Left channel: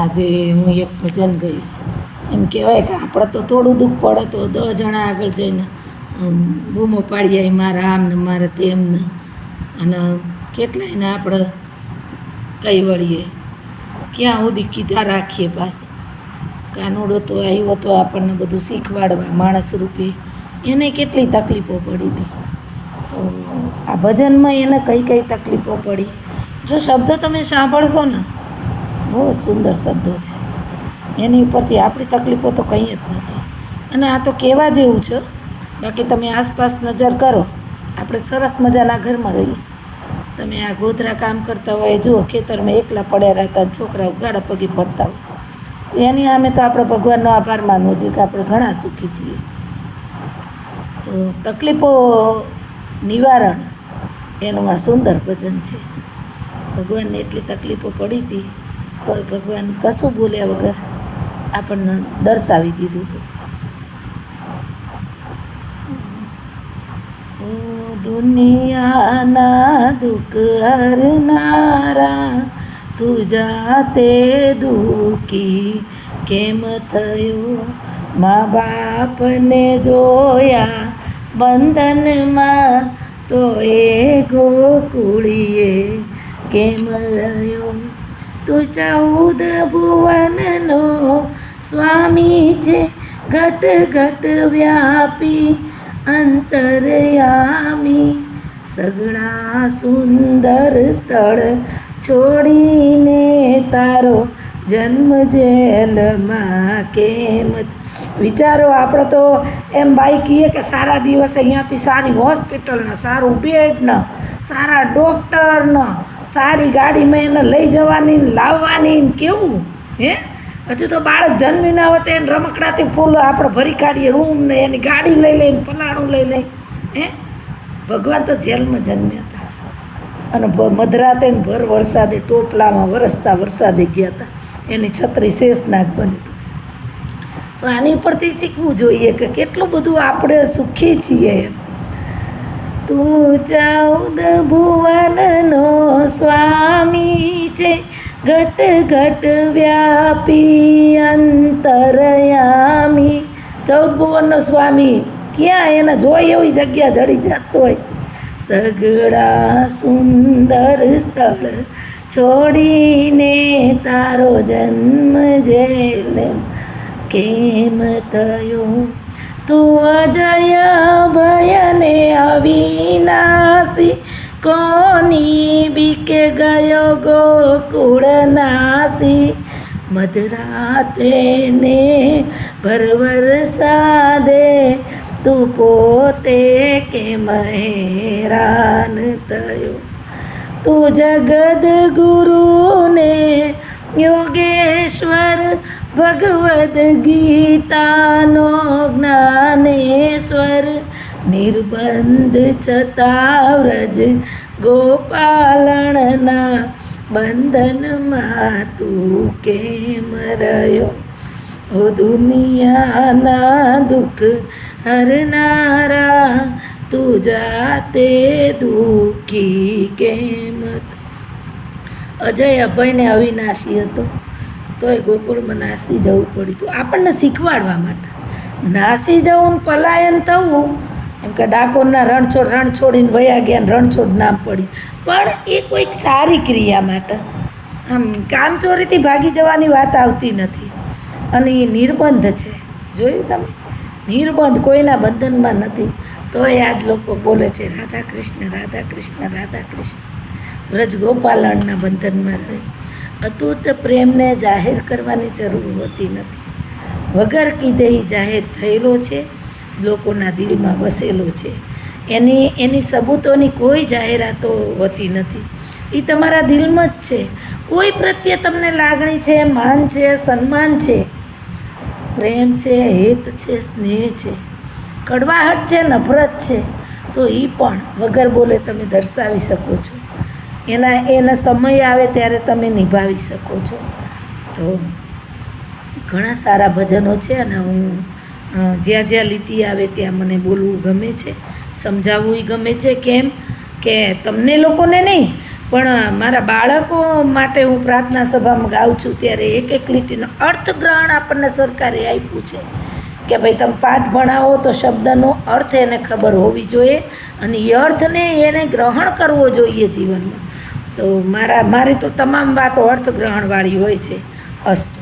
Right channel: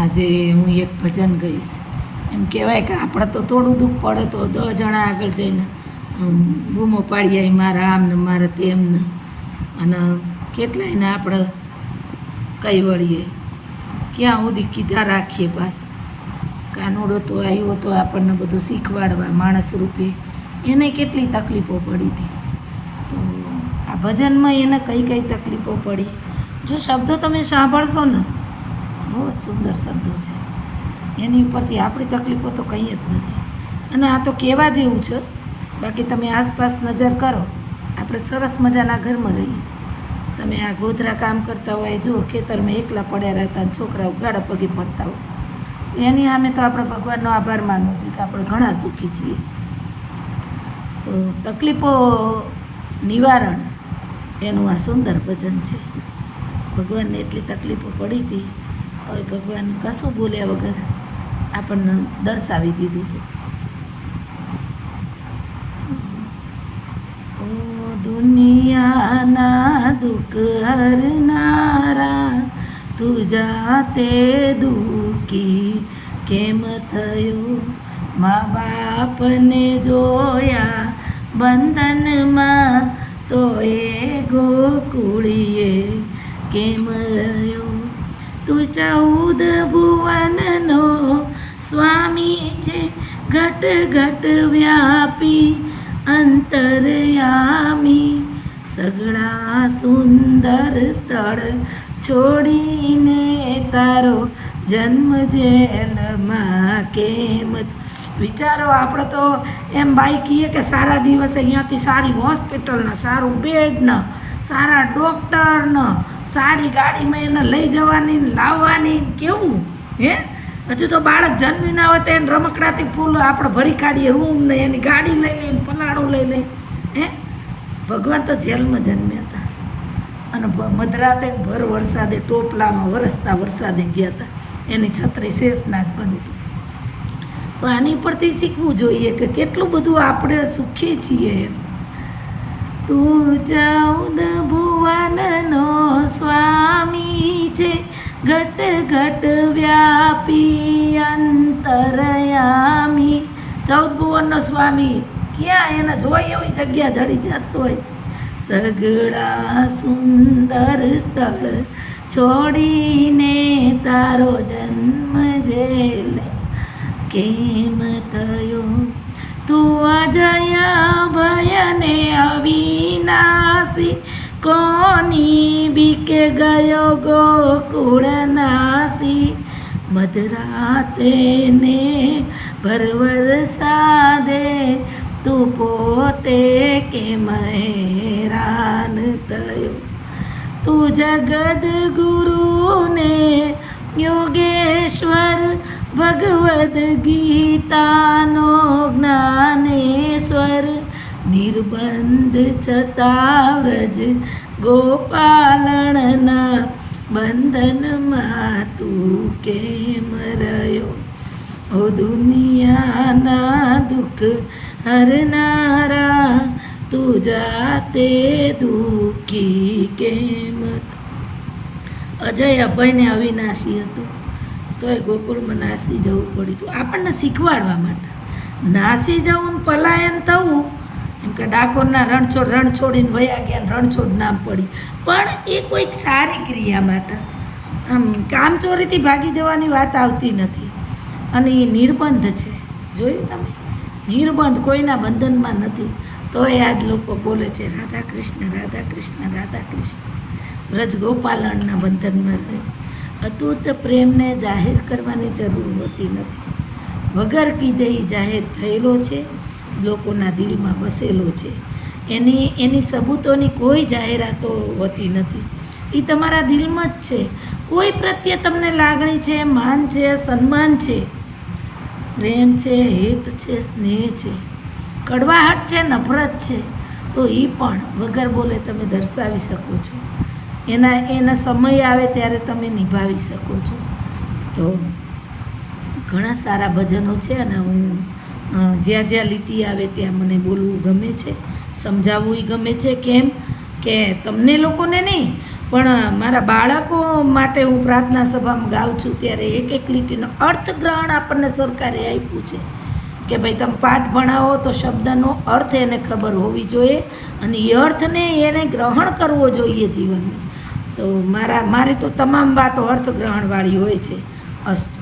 આજે હું એક ભજન ગઈશ. એમ કહેવાય કે આપણે તો થોડું દુઃખ પડે તો 10 જણા આગળ જઈને બૂમો પાડી આવી, મારા આમ ને મારે તેમ ને, અને કેટલાયને આપણે કઈ વળીએ, ક્યાં સુધી કીધા રાખીએ. પાછું કાનુડો તો આવ્યો તો આપણને બધું શીખવાડવા માણસ રૂપે, એને કેટલી તકલીફો પડી હતી. તો આ ભજનમાં એને કઈ કઈ તકલીફો પડી, જો શબ્દો તમે સાંભળશો ને, બહુ સુંદર શબ્દો છે. એની ઉપરથી આપણી તકલીફો તો કંઈ જ નથી. અને આ તો કહેવા જેવું છે. બાકી તમે આસપાસ નજર કરો, આપણે સરસ મજાના ઘરમાં રહીએ, તમે આ ગોધરા કામ કરતા હોય, જુઓ ખેતરમાં એકલા પડ્યા રહેતા, છોકરાઓ ગાડા પગી પડતા હોય, એની સામે તો આપણે ભગવાનનો આભાર માનવો જોઈએ કે આપણે ઘણા સુખી છીએ. તો તકલીફો નિવારણ એનું આ સુંદર ભજન છે. ભગવાનને એટલી તકલીફો પડી હતી તો ભગવાન કશું બોલ્યા વગર આપણને દર્શાવી દીધું હતું. દુનિયાના દુઃખ હરનારા, તું જાતે દુઃખી કેમ થયો? મા બાપને જોયા બંધનમાં, તો એ ગોકુળીએ કેમ રહ્યો? તું 14 ભુવનનો સ્વામી છે, ઘટ ઘટ વ્યાપી અંતરયામી. સગળા સુંદર સ્થળ છોડીને તારો જન્મ જેલમાં કેમ? વિચારો, આપણે તો એમ બાઈ કહીએ કે સારા દિવસે અહીંયાથી સારી હોસ્પિટલને, સારું બેડને, સારા ડૉક્ટરને, સારી ગાડીમાં એને લઈ જવાની ને લાવવાની ને, કેવું હે? હજુ તો બાળક જન્મી ના હોય તો એને રમકડાથી ફૂલ આપણે ભરી કાઢીએ, રૂમ ને એની ગાડી લઈ લઈને, ફલાણું લઈ લઈ. હે, ભગવાન તો જેલમાં જન્મ્યા હતા અને મધરાતે ને ભર વરસાદે ટોપલામાં વરસતા વરસાદે ગયા હતા. એની છત્રી શેષનાગ બની હતું. તો આની પરથી શીખવું જોઈએ કે કેટલું બધું આપણે સુખી છીએ એમ. તું 14 ભુવનનો સ્વામી છે, ઘટ ઘટ વ્યાપી અંતરયામી. 14 ભુવનનો સ્વામી, ક્યાં એને જોઈ એવી જગ્યા જડી જતો હોય. સગળા સુંદર સ્થળ છોડીને તારો જન્મ જેલ કેમ થયો? તું અજય ભયને અવિનાશી, કોની બીકે ગયો ગોકુળ નાસી. મધરાતે ને ભર વરસાદે તું પોતે કેમ હેરાન થયો? તું જગદ ગુરુને યોગેશ્વર, ભગવદ્ ગીતાનો જ્ઞાનેશ્વર. નિર્બંધ છતાં વ્રજ ગોપાલણના બંધનમાં તું કેમ રહ્યો? ઓ દુનિયાના દુઃખ હરનારા, તું જાતે દુઃખી કેમ? અજય અભયને અવિનાશી હતો તોય ગોકુળમાં નાસી જવું પડ્યું હતું, આપણને શીખવાડવા માટે. નાસી જવું ને પલાયન થવું, એમ કે ડાકોરના રણ છોડીને વયા ગયા, રણછોડ નામ પડ્યું, પણ એ કોઈક સારી ક્રિયા માટે. આમ કામચોરીથી ભાગી જવાની વાત આવતી નથી. અને એ નિર્બંધ છે, જોયું તમે? નિર્બંધ, કોઈના બંધનમાં નથી. તોય આજ લોકો બોલે છે રાધા કૃષ્ણ રાધા કૃષ્ણ રાધા કૃષ્ણ. વ્રજ ગોપાલણના બંધનમાં રહે. અતૂટ પ્રેમને જાહેર કરવાની જરૂર હોતી નથી. વગર કીધે જાહેર થયેલો છે, લોકોના દિલમાં વસેલો છે. એની સબૂતોની કોઈ જાહેરાતો હોતી નથી. એ તમારા દિલમાં જ છે. કોઈ પ્રત્યે તમને લાગણી છે, માન છે, સન્માન છે, પ્રેમ છે, હેત છે, સ્નેહ છે, કડવાહટ છે, નફરત છે, તો એ પણ વગર બોલે તમે દર્શાવી શકો છો. એના સમય આવે ત્યારે તમે નિભાવી શકો છો. તો ઘણા સારા ભજનો છે અને હું જ્યાં જ્યાં લીટી આવે ત્યાં મને બોલવું ગમે છે, સમજાવવું ગમે છે. કેમ કે તમને લોકોને નહીં પણ મારા બાળકો માટે હું પ્રાર્થના સભામાં ગાઉં છું ત્યારે એક એક લીટીનો અર્થગ્રહણ આપણને સરકારે આપ્યું છે કે ભાઈ તમે પાઠ ભણાવો તો શબ્દનો અર્થ એને ખબર હોવી જોઈએ અને એ અર્થને એને ગ્રહણ કરવો જોઈએ જીવનમાં. તો મારી તો તમામ વાતો અર્થગ્રહણવાળી હોય છે. અસ્તુ.